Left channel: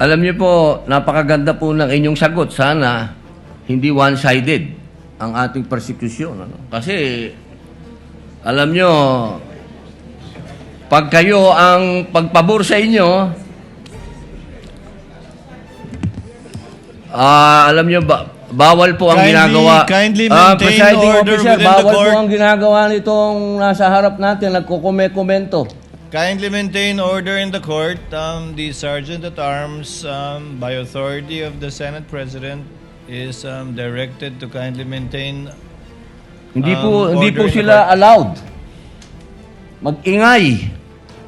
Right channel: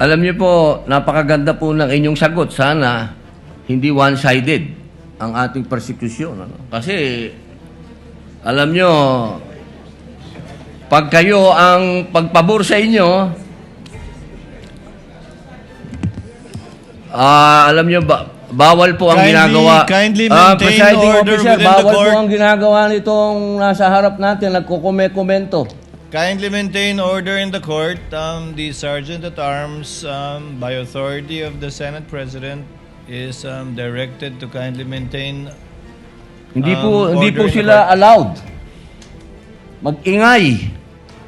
Alam niyo po, napakaganda po ng inyong sagot. Sana hindi one-sided ang ating persecution. Ano? Kasi, alam niyo, pag kayo ang pagpabor sa inyo, alam niyo, bawal po ang ginagawa. Kindly maintain Presiding order officer, within the bawal court. po ang ginagawa nitong nasa harap natin, nagkukomento. Kindly maintain order in the court. The Sergeant at Arms, by authority of the Senate President, is directed to kindly maintain. Hindi po Order in the sila court. allowed mag-ingay.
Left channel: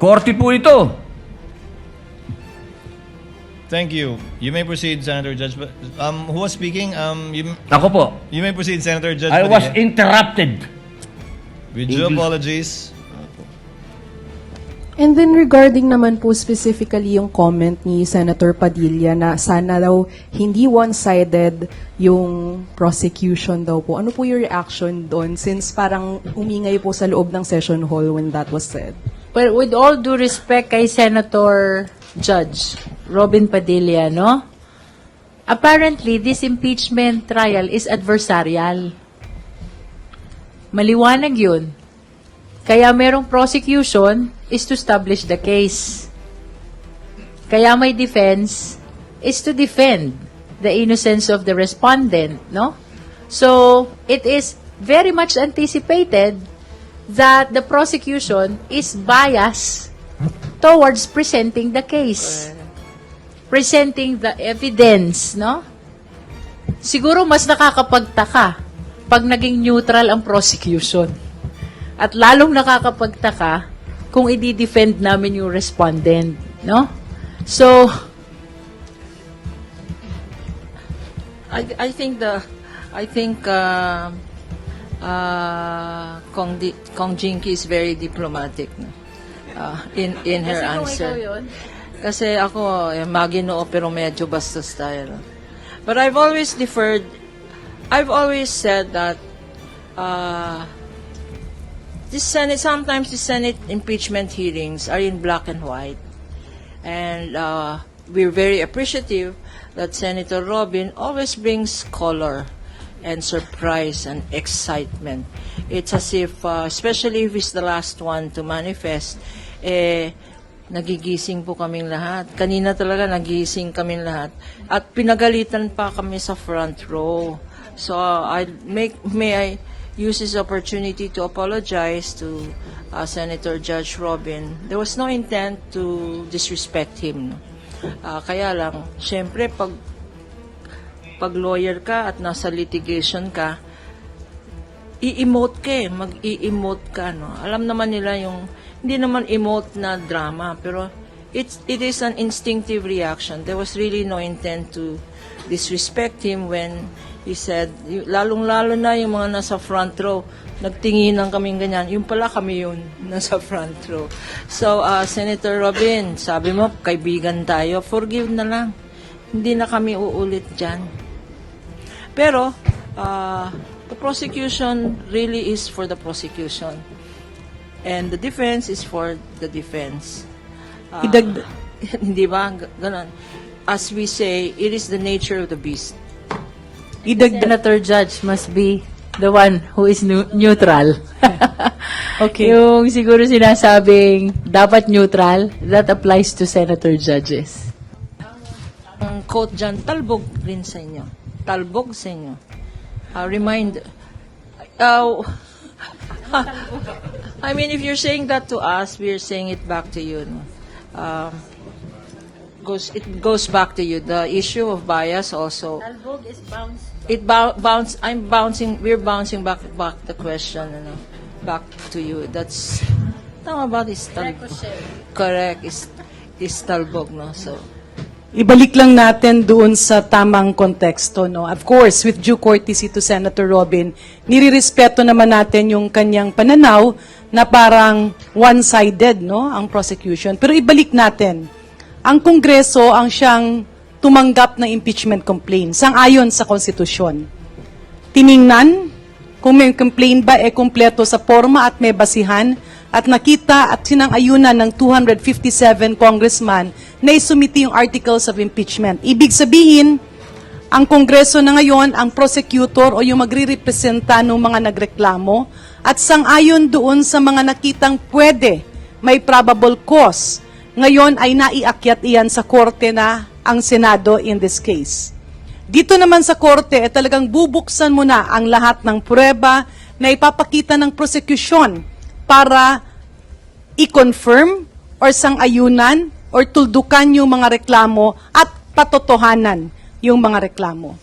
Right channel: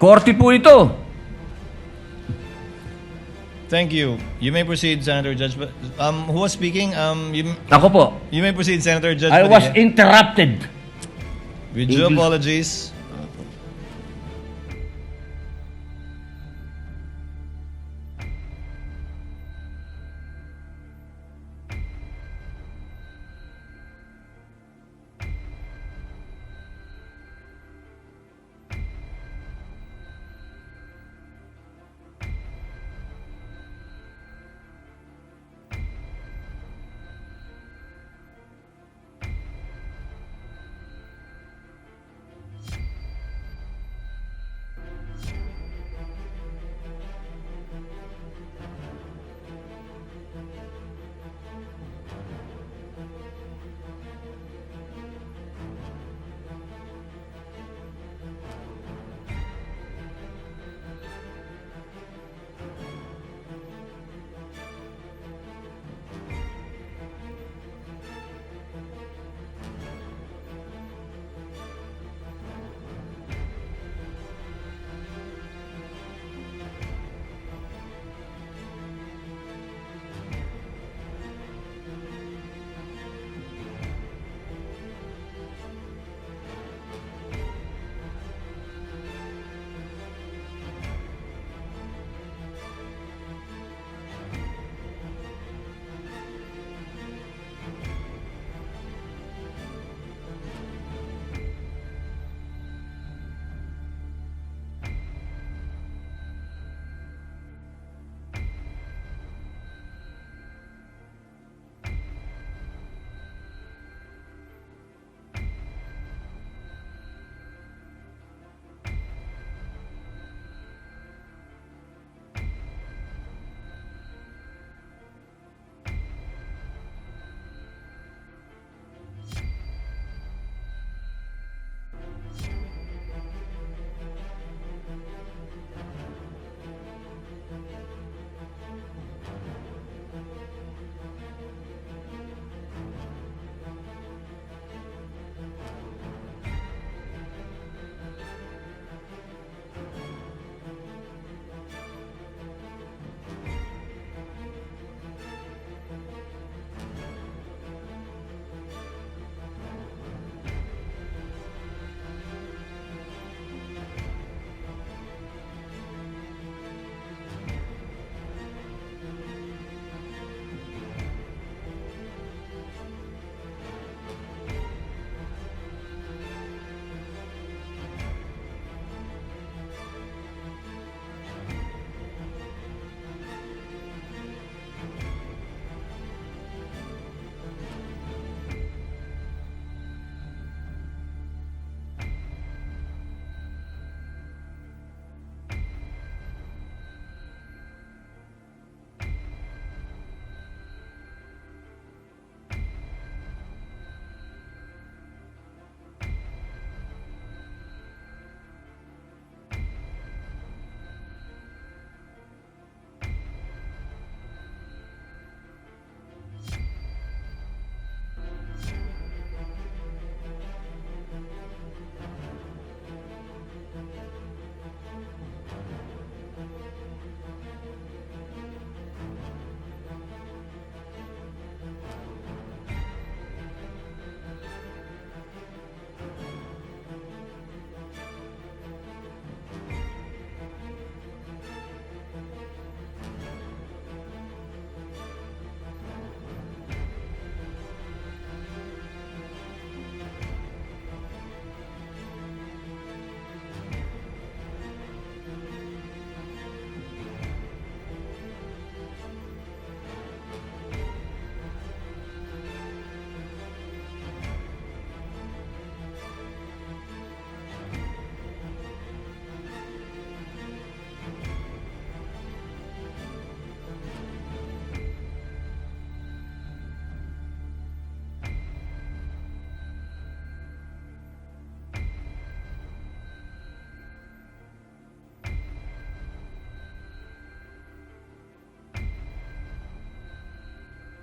Korte po ito. Thank you. You may proceed, Senator Judge. Who was speaking? Ako po, You may proceed, Senator Judge. I was Padilla. interrupted. With due English. apologies. And then regarding naman po specifically yung comment ni Senator Padilla na sana daw hindi one-sided yung prosecution daw po. Ano po yung reaction doon since parang umingay po sa loob ng session hall when that was said? Well, with all due respect kay Senator Judge Robin Padilla, no? Apparently, this impeachment trial is adversarial. Maliwanag yun. Kaya merong prosecution is to establish the case. Kaya may defense is to defend the innocence of the respondent, no? So, it is very much anticipated that the prosecution is biased towards presenting the case. Presenting the evidence, no? Siguro mas nakakapagtaka pag naging neutral ang prosecution. At lalong nakakapagtaka kung i-defend namin yung respondent, no? So, I think Kong Jinky is very diplomatic in her answer. Kasi ako, maginoo pero medyo bastos tayo. No? But I've always said that sometimes the Senate impeachment hearings are in black and white. And we're very appreciative that Senator Robin always brings color and surprise and excitement. It's as if, especially if he's the last one to manifest, nagigising po kaming lahat. Kanina talaga nagigising kaming lahat. At pinagalitan pa kami sa front row. So may I use this opportunity to apologize to Senator Judge Robin. There was no intent to disrespect him. Kaya lang, syempre, pag lawyer ka at nasa litigation ka, i-emote ka mag-i-emote ka, no? Alam naman nila yung, hindi naman emote na drama, pero it is an instinctive reaction. There was really no intent to disrespect him when he said, lalong-lalo na yung mga nasa front row, nagtinginan kaming ganyan, yung pala kami yun, nasa front row. So, Senator Robin, sabi mo, kaibigan tayo, forgive na lang. Hindi na kami uulit dyan. Pero, the prosecution really is for the prosecution. And the defense is for the defense. Hindi ba? Ganon. As we say, it is the nature of the beast. Senator Judge must be the one who is neutral. Okay. Yung siguro sinasabing dapat neutral, that applies to Senator Judges. Ang quote dyan, talbog rin sa inyo. Talbog sa inyo. I mean, if you're saying that to us, we're saying it back to you. No? It goes back to you. The issue of bias also. Talbog is bounce. We're bouncing back the question, back to you. That's, tama ba, is talbog? Correct, is talbog, no? So, Ibalik lang natin doon sa tamang konteksto, no? Of course, with due courtesy to Senator Robin, nirirespeto naman natin yung kanyang pananaw na parang one-sided, no, ang prosecution. Pero ibalik natin, ang Kongreso ang siyang tumanggap ng impeachment complaint sang-ayon sa konstitusyon. Tiningnan kung may complaint ba kumpleto sa forma at may basihan at nakita at sinang-ayunan ng 257 congressman na isumiti yung articles of impeachment. Ibig sabihin, ang Kongreso na ngayon, ang prosecutor o yung magre-representa ng mga nagreklamo at sang-ayon doon sa mga nakitang pwede, may probable cause, ngayon ay naiakyat iyan sa korte na ang Senado in this case. Dito naman sa korte, talagang bubuksan mo na ang lahat ng pruweba na ipapakita ng prosecution para i-confirm or sang-ayunan or tuldukan yung mga reklamo at patotohanan yung mga reklamo.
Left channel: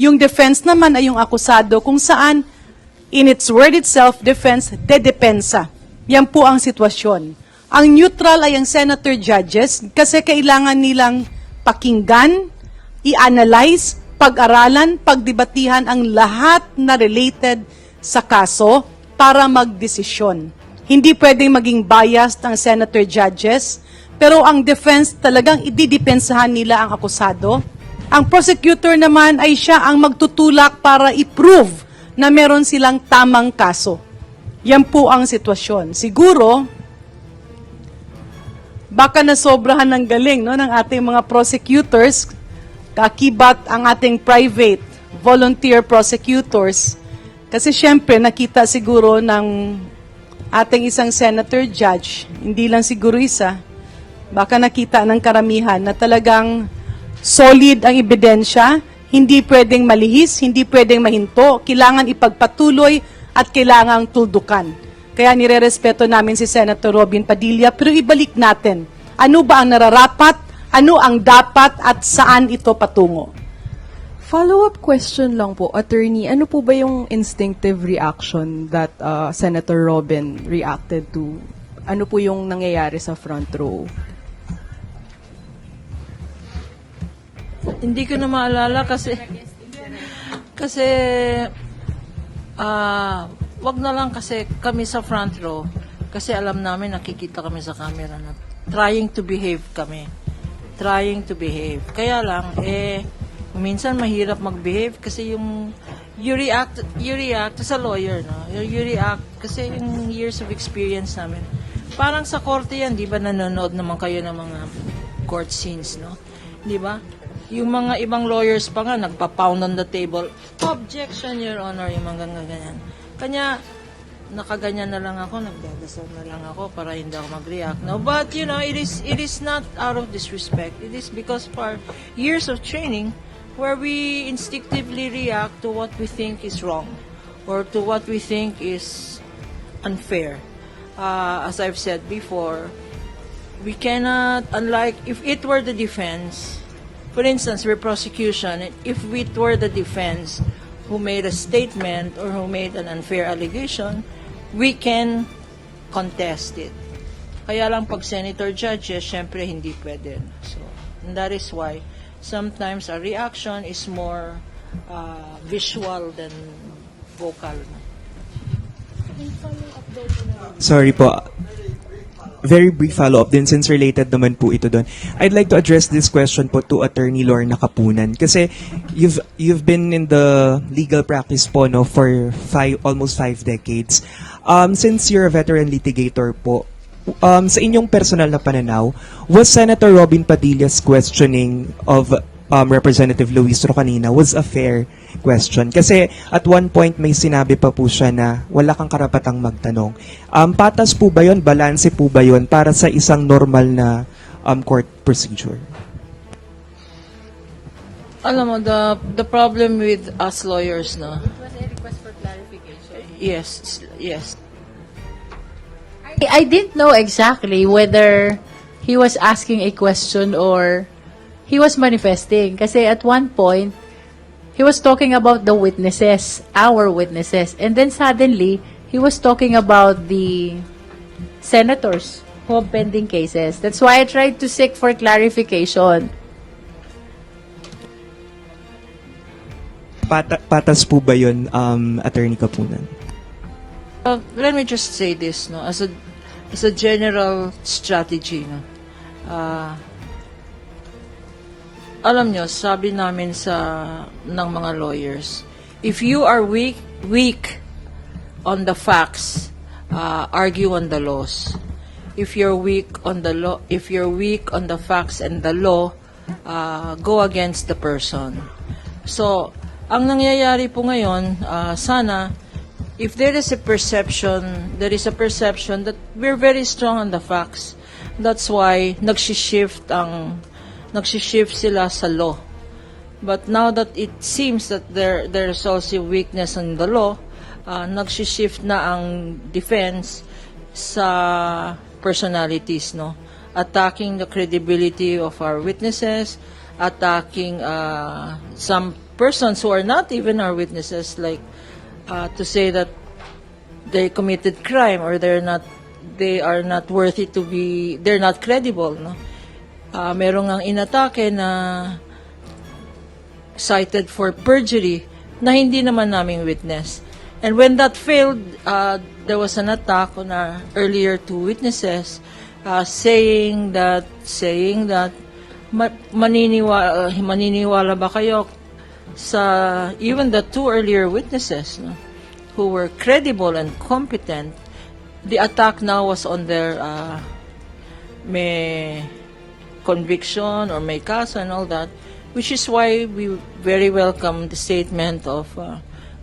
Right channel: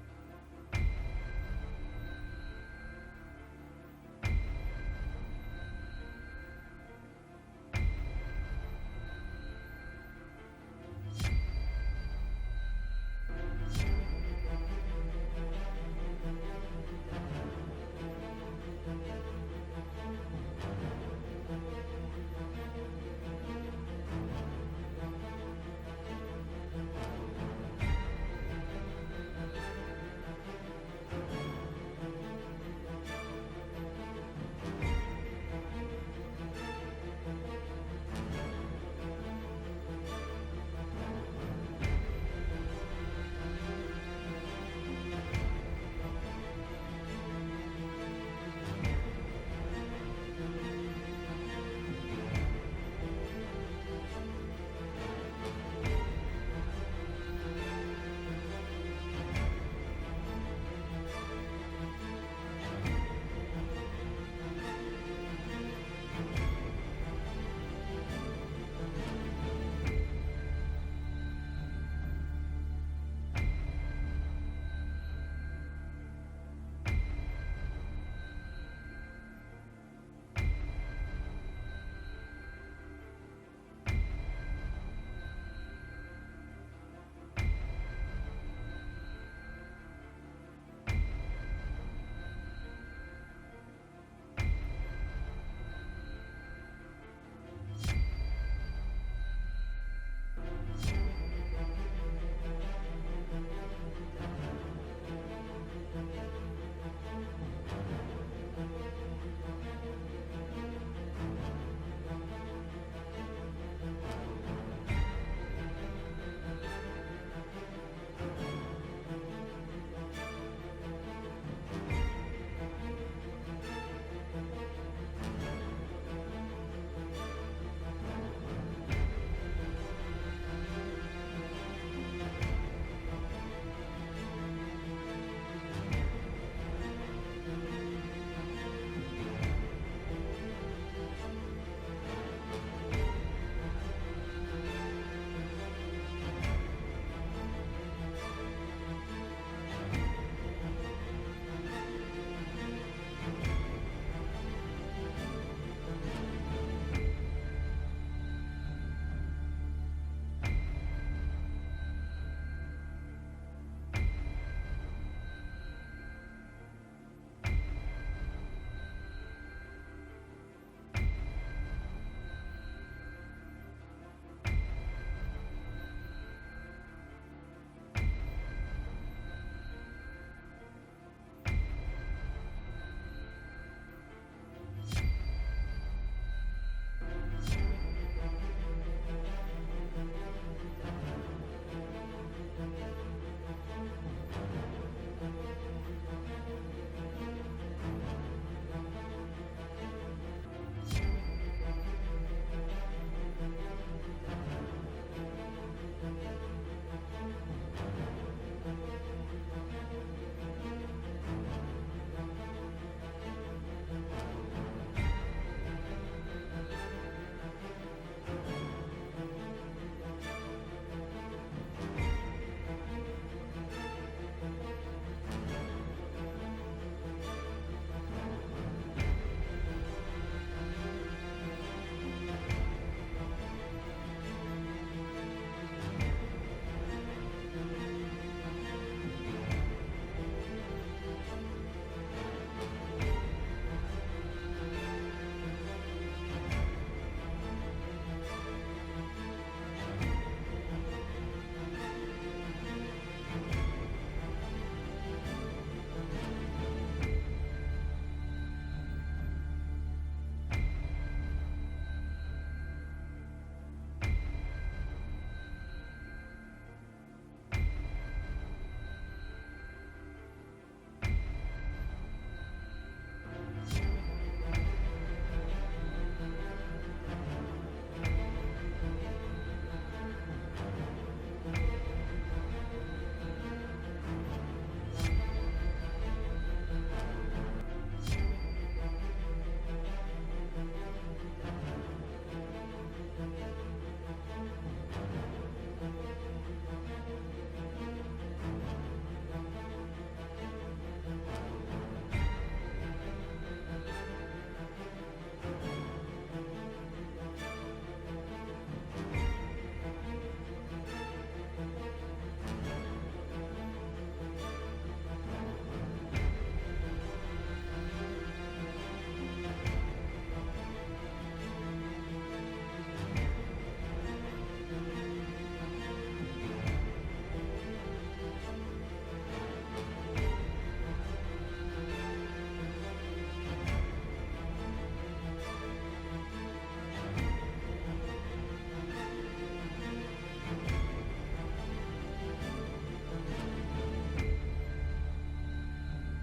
Yung defense naman ay yung akusado kung saan, in its word itself, defense, dedepensa. Yan po ang sitwasyon. Ang neutral ay ang senator judges kasi kailangan nilang pakinggan, i-analyze, pag-aralan, pagdebatihan ang lahat na related sa kaso para magdesisyon. Hindi pwedeng maging biased ang senator judges, pero ang defense talagang ididepensahan nila ang akusado. Ang prosecutor naman ay siya ang magtutulak para i-prove na meron silang tamang kaso. Yan po ang sitwasyon. Siguro, baka nasobrahan ng galing no, ng ating mga prosecutors, kakibat ang ating private volunteer prosecutors. Kasi syempre, nakita siguro ng ating isang senator judge, hindi lang siguro isa, baka nakita ng karamihan na talagang solid ang ebidensya, hindi pwedeng malihis, hindi pwedeng mahinto, kailangan ipagpatuloy at kailangang tuldukan. Kaya nirerespeto namin si Senator Robin Padilla, pero ibalik natin, ano ba ang nararapat, ano ang dapat at saan ito patungo? Follow-up question lang po, attorney, ano po ba yung instinctive reaction that Senator Robin reacted to? Ano po yung nangyayari sa front row? Hindi ko na maalala kasi wag na lang kasi kami sa front row kasi alam namin nakikita kami sa camera na trying to behave kami. Trying to behave. Kaya lang minsan mahirap mag-behave kasi you react as a lawyer, no? You react kasi yung years of experience namin. Parang sa korte yan, di ba nanonood naman kayo ng mga court scenes, no? Di ba? Yung mga ibang lawyers pa nga, nagpa-pound on the table. Objection, Your Honor, yung mga ganyan. Kanya, nakaganyan na lang ako, nagdadasal na lang ako para hindi ako mag-react. No? But, you know, it is not out of disrespect. It is because of our years of training where we instinctively react to what we think is wrong or to what we think is unfair. As I've said before, we cannot, unlike, if it were the defense, for instance, for prosecution, if it were the defense who made a statement or who made an unfair allegation, we can contest it. Kaya lang pag senator judges, syempre hindi pwede. So, and that is why sometimes a reaction is more visual than vocal. Sorry po. Very brief follow-up din since related naman po ito doon. I'd like to address this question po to Attorney Lorna Kapunan kasi you've been in the legal practice po no for almost 5 decades. Since you're a veteran litigator po, sa inyong personal na pananaw, was Senator Robin Padilla's questioning of Representative Luis Ro kanina was a fair question? Kasi at one point may sinabi pa po siya na wala kang karapatang magtanong. Patas po ba yun? Balanse po ba yun para sa isang normal na court procedure? Alam mo, the problem with us lawyers, no? Was a request for clarification? Yes. I didn't know exactly whether he was asking a question or he was manifesting. Kasi at one point, he was talking about the witnesses, our witnesses. And then suddenly, he was talking about the senators who have pending cases. That's why I tried to seek for clarification. Patas po ba yun, Attorney Kapunan? Let me just say this, no, as a general strategy, no. Alam nyo, sabi namin ng mga lawyers, if you are weak on the facts, argue on the laws. If you're weak on the law, if you're weak on the facts and the law, go against the person. So, ang nangyayari po ngayon, sana, if there is a perception that we're very strong on the facts. That's why nagsishift sila sa law. But now that it seems that there's also weakness in the law, nagsishift na ang defense sa personalities, no? Attacking the credibility of our witnesses, attacking some persons who are not even our witnesses, like to say that they committed crime or they are not worthy to be, they're not credible, no? Merong ang inatake na cited for perjury na hindi naman naming witness. And when that failed, there was an attack on our earlier two witnesses, saying that maniniwala ba kayo sa even the two earlier witnesses, no, who were credible and competent. The attack now was on their may conviction or may kaso and all that, which is why we very welcome the statement of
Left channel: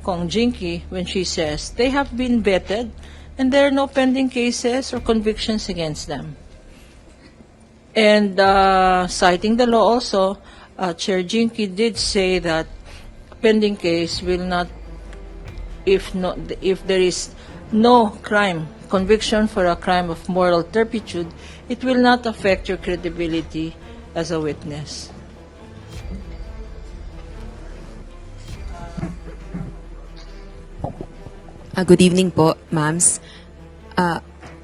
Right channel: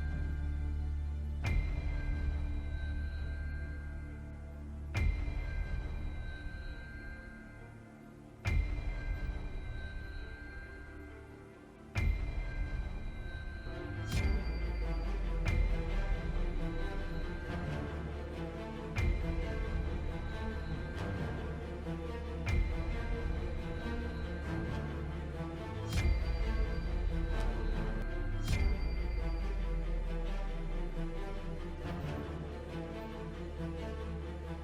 Kong Jinky when she says they have been vetted and there are no pending cases or convictions against them. And citing the law also, Chair Jinky did say that pending case will not, if there is no conviction for a crime of moral turpitude, it will not affect your credibility as a witness. Good evening po, ma'ams.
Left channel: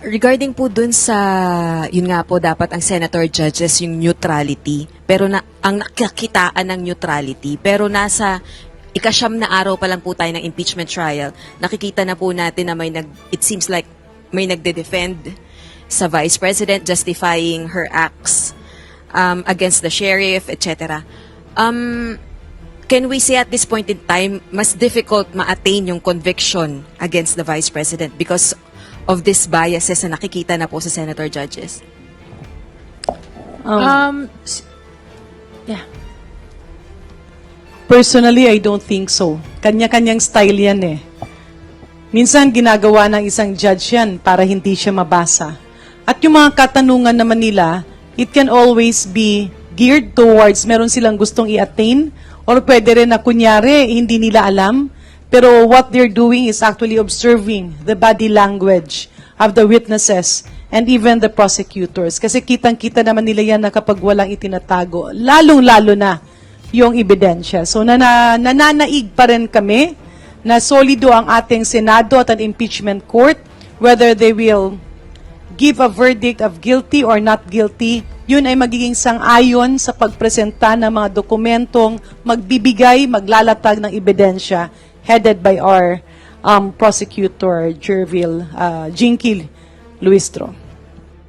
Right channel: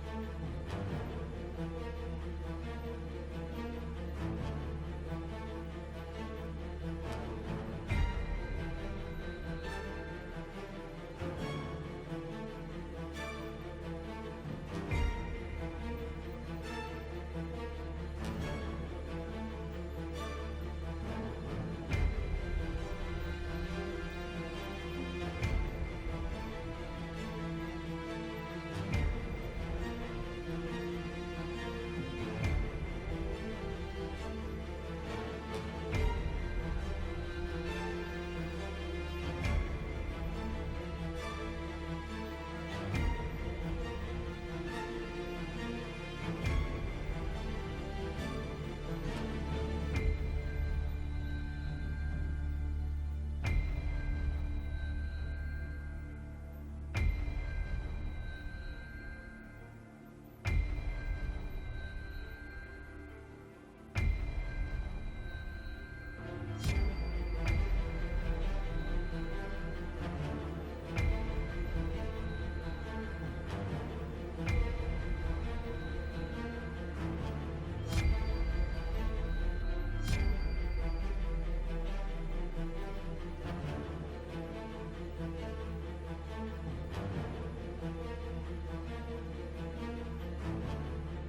Regarding po dun sa, yun nga po, dapat ang senator judges yung neutrality, pero ang nakakitaan ng neutrality, pero nasa ikasyam na araw pa lang po tayo ng impeachment trial, nakikita na po natin na it seems like may nagde-defend sa Vice President justifying her acts against the sheriff, etc. Can we say at this point in time, mas difficult ma-attain yung conviction against the Vice President because of these biases na nakikita na po sa senator judges? Yeah. Personally, I don't think so. Kanya-kanyang style yan eh. Minsan ginagawa ng isang judge yan para hindi siya mabasa. At yung mga katanungan naman nila, it can always be geared towards meron silang gustong i-attain or pwede rin na kunyari hindi nila alam. Pero what they're doing is actually observing the body language of the witnesses and even the prosecutors. Kasi kitang-kita naman nila yan na kapag walang itinatago, lalong-lalo na yung ebidensya. So nananaig pa rin kami na solido ang ating Senado at ang impeachment court, whether they will give a verdict of guilty or not guilty, yun ay magiging sang-ayon sa pagpresenta ng mga dokumentong magbibigay, maglalatag ng ebidensya headed by our prosecutor, Jinky Luistro.